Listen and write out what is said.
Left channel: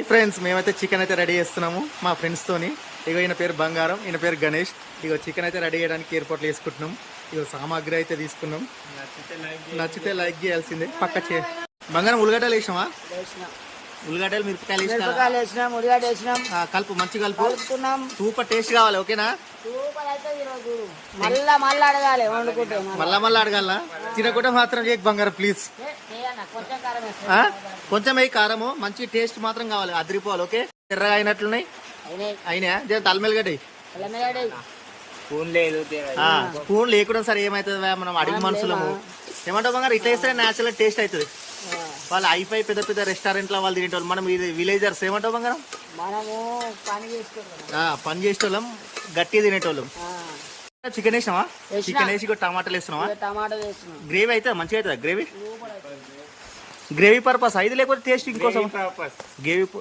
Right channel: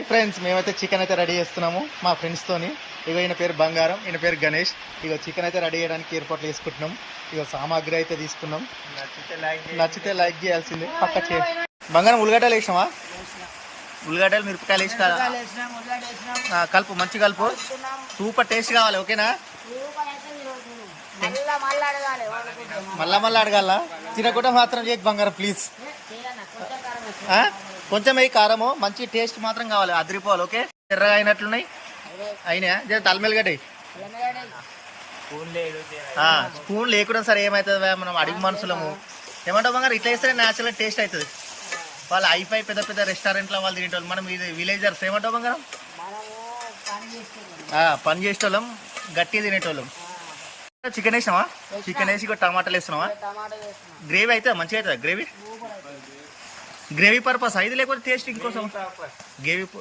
Friends మేమైతే chicken అయితే ready చేస్తున్నాము మా ఫ్రెండ్స్ తోని. ఇగో ఈయన పేరు బంగారం, ఈయన పేరు గణేష్. ఇగో చికెన్ అయితే రెడీ చేయడానికి ఏర్పాట్లు వేసుకుంటున్నాం. ఇగో సామాగ్రి అయితే తీసుకున్నాం. నచ్చితే లైక్ చేయాల్సిందే. పక్క బంగారం ఉల్లిగడ్డలు వేసినావా? ఉల్లిగడ్డలు మిరపకాయలు వేసి కలుపు, మంచి కలుపు. సూపర్ టేస్ట్ కావాలి, ఓకేనా? మళ్ళా అడగాల. తినకుండా మాత్రం చేయకు బంగారం ప్లీజ్. కొంచెం వేయి కారము, మంచి టేస్ట్ మాత్రం కావాలి, అదిరిపోవాలి. ఓకే, ఎర్రగా అయినట్లున్నాయి. అయినా జర తలమెలుగడ్డ స్పూన్ లేకుండా సరే ఏమవుతుంది, మనం అడిగి మనుషులము. ఏమంటావు బంగారు? ఇట్లా వేస్తే న్యాచురల్ టేస్ట్ అవుతుంది. వాళ్ళు హైఫై పెద్ద పెద్ద రెస్టారెంట్లో వాళ్ళు తినేటోళ్ళు, మనం ఇది విలేజర్స్. ఏమంటావు బంగారం? పని చేసేటోళ్ళం, గట్టిగా తినేటోళ్ళం. చికెన్ వేసినావా? చికెన్ వేసి టమాటాలు వేస్తున్నావా? గ్రేవీ అయితే మంచిగా అవుతుందా? గ్రేవీ పర్పస్ ఇది, లేకపోతే టేస్ట్ ఇంకోసం గ్రేవీ